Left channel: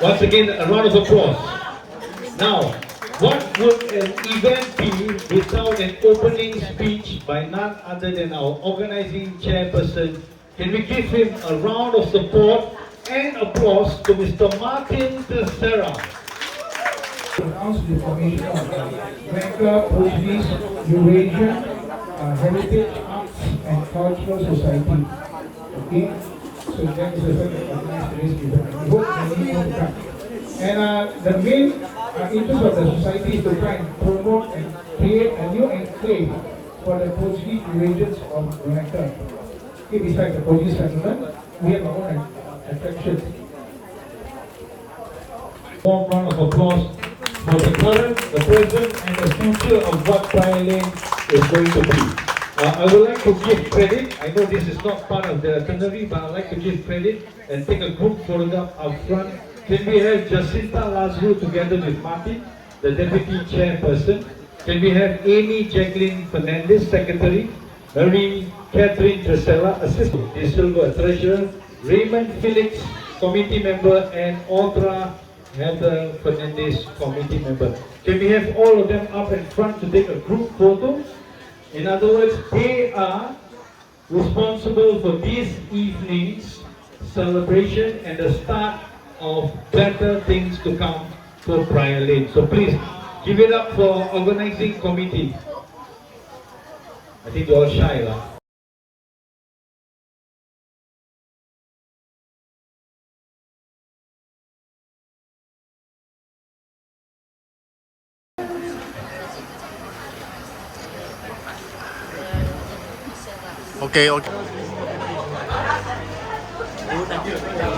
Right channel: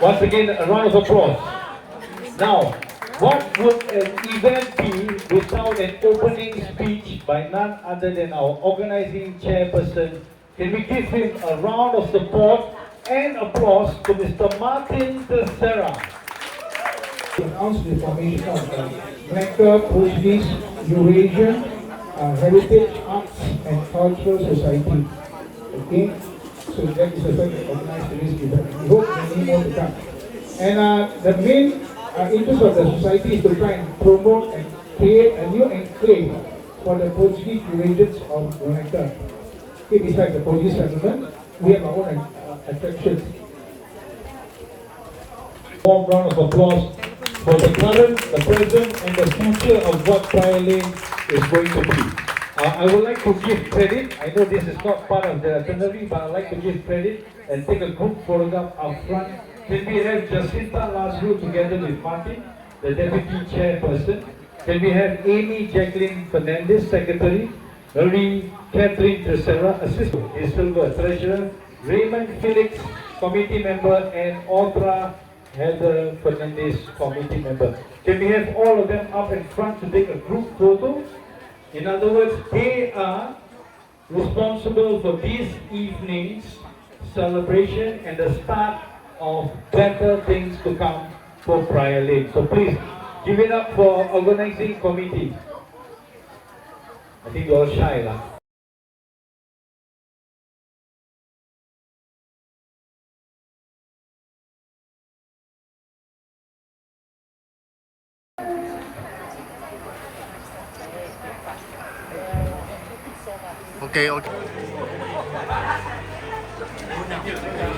Once again, a round of applause. Now, what would an event be without an opening speech by none other than our organizing chairperson? Can we give him a round of support and applause to Mr. Martin Tessera? Announce the formation of the Malacca Portuguese Eurasian Heritage Arts and Cultural Society. Okay, so that is the first that organized today's event. We hope many more to come. And the main interest of the society is to try and promote and create a new enclave for the Portuguese Eurasians of Malacca. Okay, besides the Portuguese settlement, we have our own attractions. Warm round of applause for the current, the present, and the future of what Prior Lane is going to be. I would like to give credit. I know this is not part of the itinerary, but I'd like to give credit and take a group photograph up front. Can we have Jacinta Lazarou together with Martin, the Deputy Chairperson? Can we have Amy Jacqueline Fernandez, Secretary? Marie Catherine Tessera, Assistant Silva Treasurer? Raymond Felix, Committee Member, and Audra Heather Fernandez, Committee Member. Can we have all of them up in front to take a group photo? In other words, they are responsible for this evening's celebration and the start of better things to come for Prior Lane. So please, give it up for organizing committee. I think you're all shy, lah. Okay, okay. Thank you.